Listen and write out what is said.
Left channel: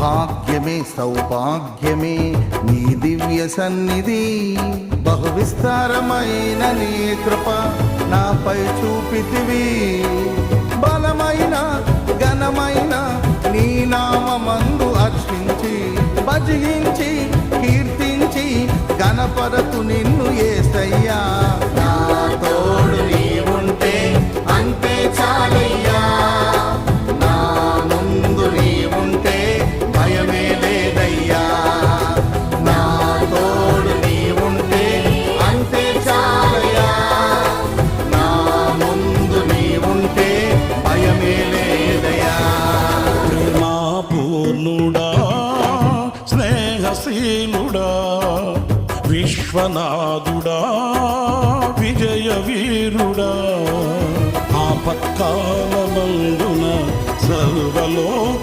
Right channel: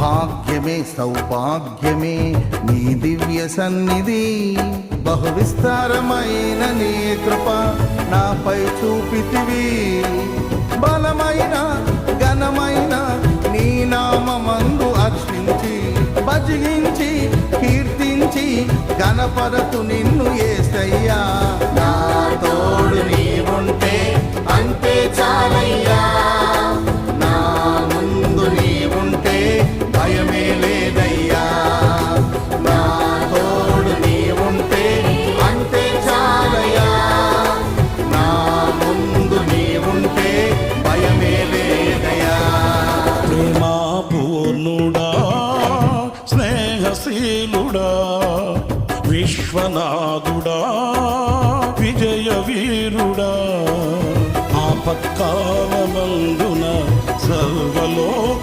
భాగ్యమే సౌభాగ్యమే నీ దివ్య సన్నిధి, బహు విస్తారమైన నీ కృప నాపై చూపితివి. బలమైన ఘనమైన నీ నామమందు హర్షించి భజించి కీర్తించి గణపరతు నిన్ను యేసయ్యా. నా తోడు నీవుంటే అంతే చాలయ్యా, నా ముందు నీవుంటే భయమే లేదయ్యా. నా తోడు నీవుంటే అంతే చాలయ్యా, నా ముందు నీవుంటే భయమే లేదయ్యా. ప్రేమా పూర్ణుడా స్నేహశీలుడా విశ్వనాథుడా విజయ వీరుడా, ఆపత్కాలమందున సర్వలోక